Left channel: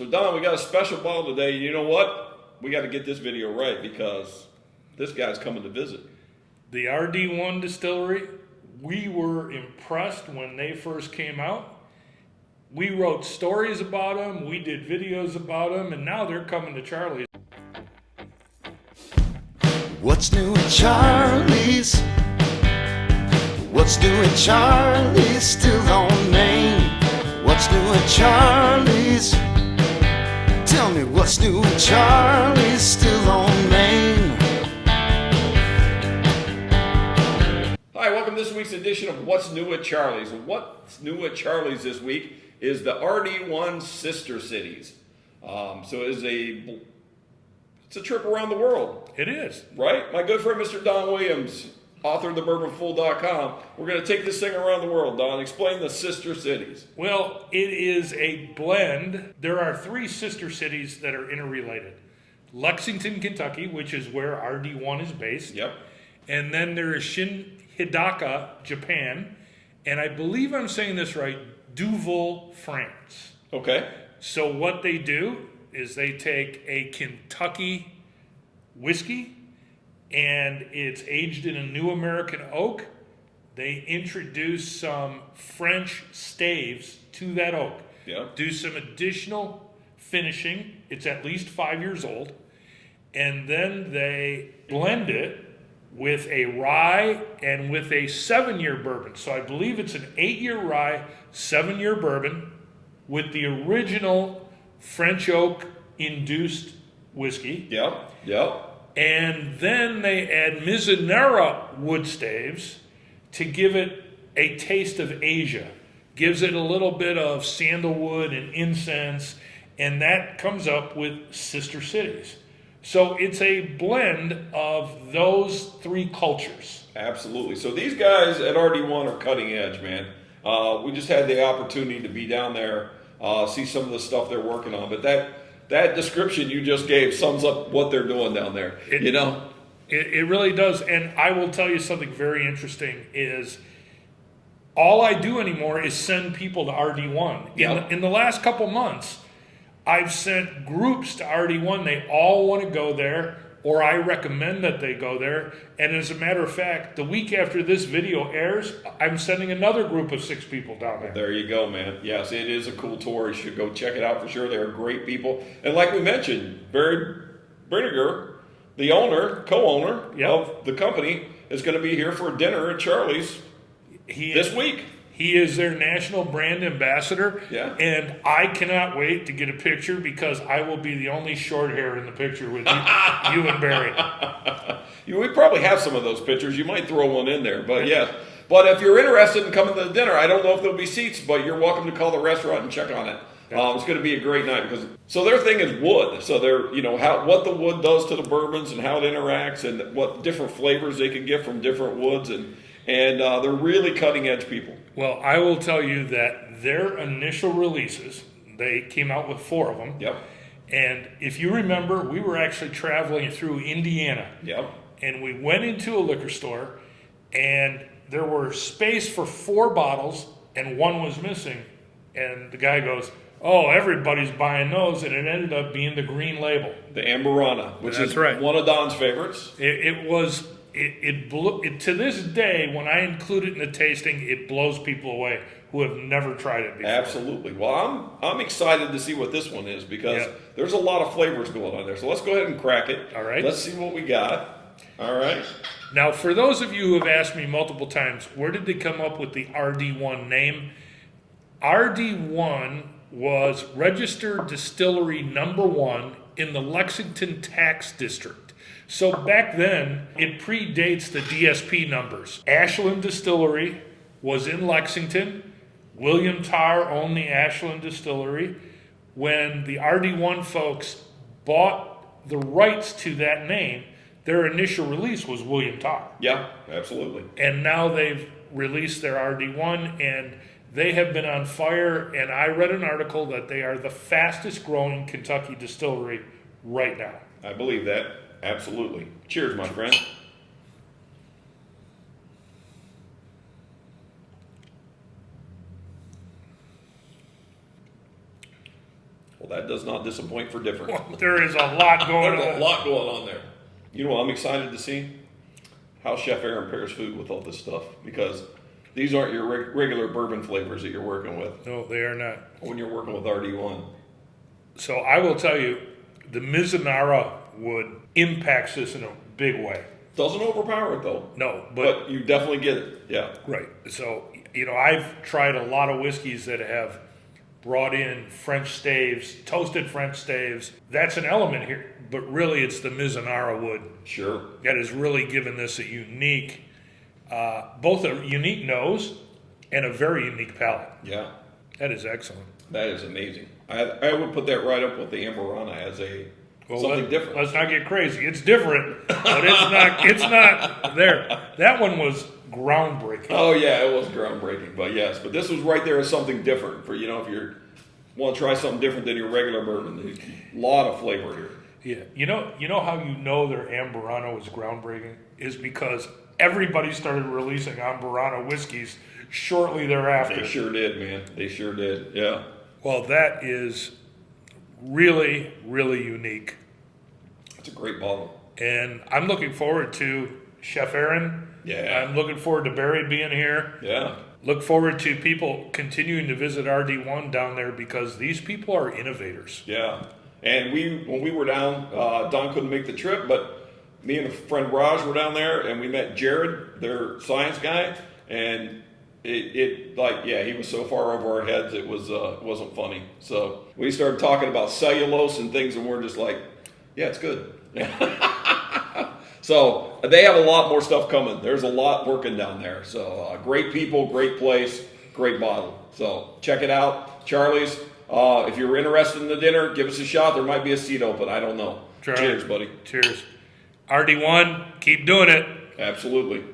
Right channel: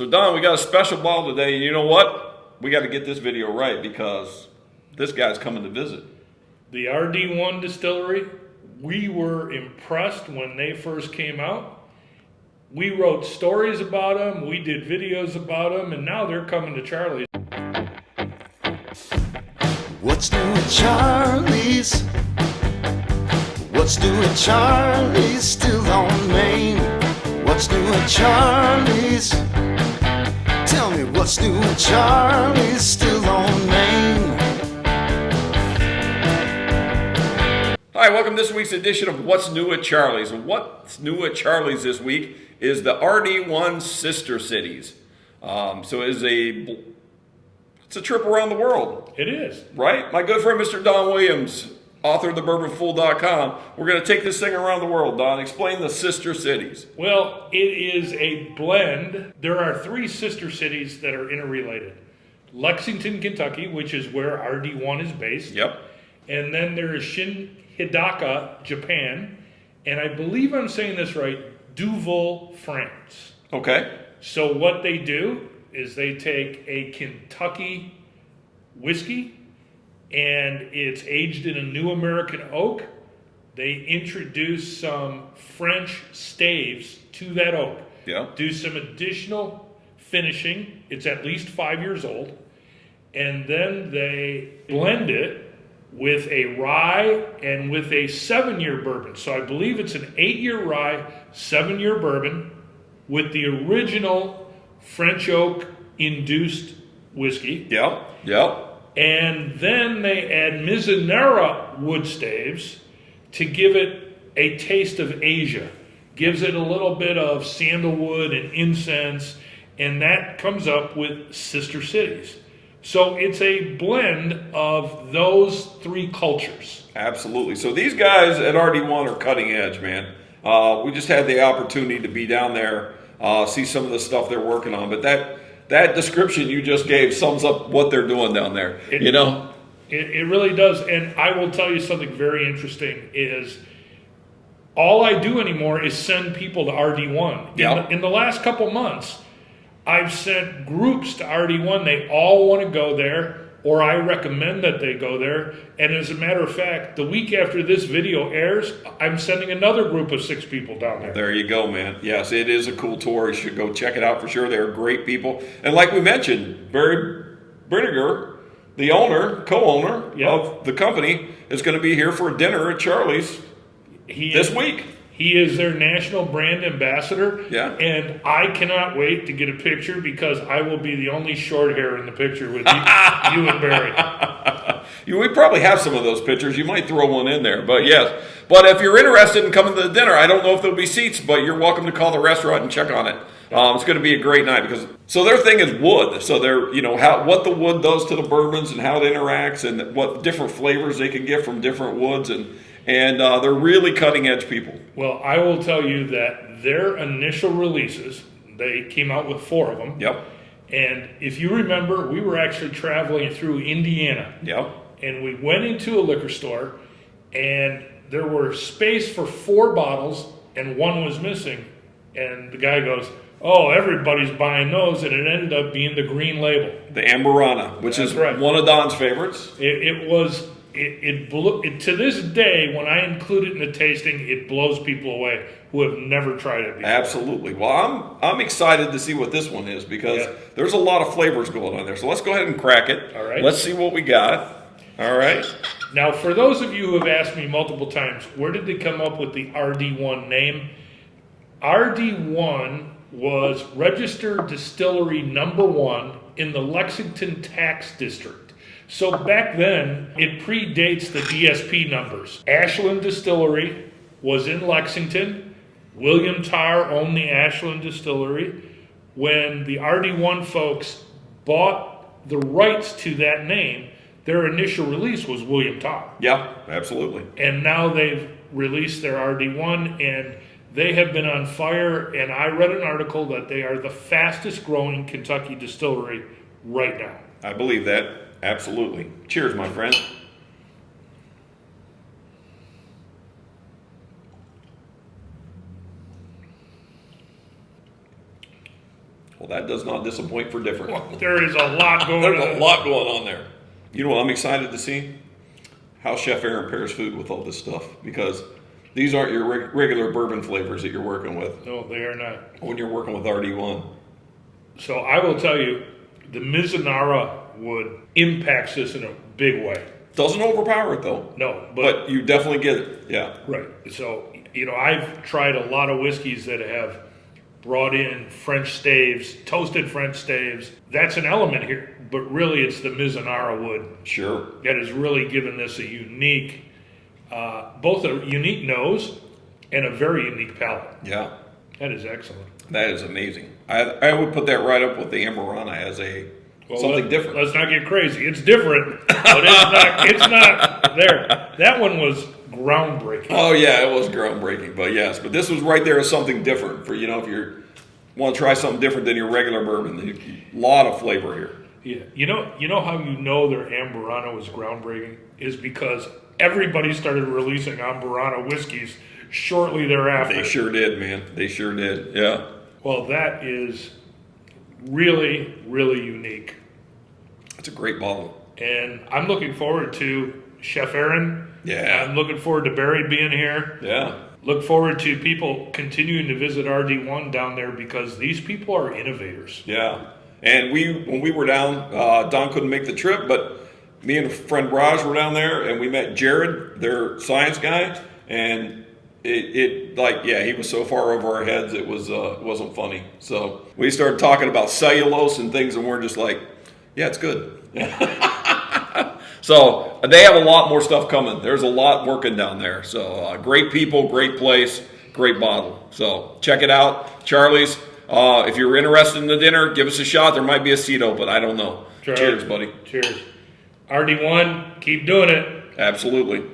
So Don, we got a special bottle today. You know what? We got to get this video right because this guy's coming to visit. The RD1 distillery, we were impressed when they first came out. We wrote stories about them, we did videos about them, and now they're coming to Charlie's. What's new at Charlie's? What's new at Charlie's? Still on Main. What's new at Charlie's? Tell me what's new at Charlie's? Still on Main. Hi, welcome to this week's edition of What's New at Charlie's. And what's new at Charlie's this week is the RD1 Sister Cities. So it's a trip around the world. It is. Right? My good friend Mr. Don Williams, author of thebourbonfool.com, we're going to take this thing around the world. Don, explain the Sister Cities. Well, it is a blend. There are three sister cities that are interrelated. Lexington, Kentucky, which is where RD1 is based. Yep. And then there is Hidaka, Japan. And I believe I'm saying this right, Duvel, France. Okay. So what they do is they take a Kentucky whiskey and it's aged in a new American oak. They introduce some French staves to that oak. Yeah. Do some additional finishing. It's at least 5 years old. And then they blend it with a rye and with a 7-year bourbon. So I believe it's an 8-year rye, 7-year bourbon with the original French oak induced whiskey. Yeah. Yeah. And then they add Mizunara wood staves to give it a taste of Asia. Gives it a little bit of sandalwood and incense, and that comes up with Sister Cities. So it's a blend of those three cultures. Absolutely. So these guys at RD1 are cutting edge, man. We just had the opportunity to be down there, see some of the stuff they're working on. But that description you just gave sums up what they're doing down there. It really does. And I will tell you something very interesting is all I do anymore is send people to RD1. Yeah. In the last couple months, I've sent groups to RD1. They all want to go there, or I recommend that they go there. And as a matter of fact, the week after this video airs, I'm sending another group of 6 people down there. There you go, man. Yes, it is a cool tour. You should go check it out for sure. They're great people. And like we mentioned, Barry Brinegar, the owner, co-owner of the company, is going to be here for dinner at Charlie's this week. He is their national brand ambassador. Yeah. And I cannot wait to get a picture because I will be the only short hair in the picture with you, you and Barry. We probably have some of those pictures. You might throw one in there. But yes. But if you're interested in coming to the dinner, I don't know if there'll be seats, but you're welcome to call the restaurant and check on it. It's going to be a great night so their thing is wood. So they're, what the wood does to the bourbons and how it interacts and what different flavors they can get from different woods. And they're really cutting edge people. Well, I will tell you that their initial releases, they came out with 4 of them. Yep. And if you remember, we were actually traveling through Indiana. Yep. And we went into a liquor store, and there were space for 4 bottles, and 1 was missing. And the guy goes, "Oh, everybody's buying those," and it ended up being the green label. The Amberana, which is one of Don's favorites. It to this day, when I include it in the tasting, it blows people away who have never tried it before. Absolutely. Well, I'm excited to see what this one is because there's a lot of flavors going on there. So let's go ahead and crack it. All right. Let's see what we got. All right. Now, for those of you who have asked me multiple times, where did they come up with the RD1 name? RD1 was registered distillery number 1 in the Lexington tax district. So back then, it predates the DSP numbers. Ashland Distillery was in Lexington. William Tarr owned the Ashland Distillery. When the RD1 folks bought the rights to that name, their initial release was William Tarr. Yeah, absolutely. And now they've released their RD1, and they have been on fire. And I read an article that they are the fastest growing Kentucky distillery right now. I believe that. Absolutely. Cheers, my friend. Hold that does not disappoint for different. There is a lot going There's on. a lot going on there. You know what I'm excited to see? How Chef Aaron pairs food with all this stuff, because these aren't your regular bourbon flavors that you're working with No, they are not. when you're working with RD1. So I will tell you, the Mizunara wood impacts this in a big way. Doesn't overpower it though. No, But you definitely get it. Yeah. right. So, I've tried a lot of whiskeys that have brought in French staves, toasted French staves. That's an element here, but really it's the Mizunara wood Sure. that has really given this a unique, both a unique nose and a very unique palate. Yeah. That is excellent. That is amazing. I would put that right up with the Amberana as a something different. Let's not get crazy. It's different, but it's not there. That one was groundbreaking. Oh yeah, it was groundbreaking. But yes, but this was right there as something different for, if you want to try something different than your regular bourbon. A lot of flavor here. Yeah, you know how you know their Amberana was groundbreaking is because everybody started releasing Amberana whiskeys shortly thereafter. They sure did, man. They sure did. Yeah. Well, that is really, really unique. It's a great bottle. And I'm looking forward to Chef Aaron. Yeah. I'm looking forward to Barry being here. Yeah. Look forward to people continuing to visit RD1 down there because these people are innovators. Yeah. And when we were down, Don couldn't make the trip, but me and a friend Raj were down there, and we met Jared, their science guy, and he was so far over our heads it wasn't funny. So we started talking about cellulose and things, and we're just like, yeah, it's good. So they have a lot more stuff coming. There's a lot working down there. So great people, great place, great bottle. So check it out, Charlie's. If you're interested in the dinner, give us a shot. There might be a seat open. I don't know. Sure. Cheers, buddy. Cheers. RD1, keep doing it. Absolutely.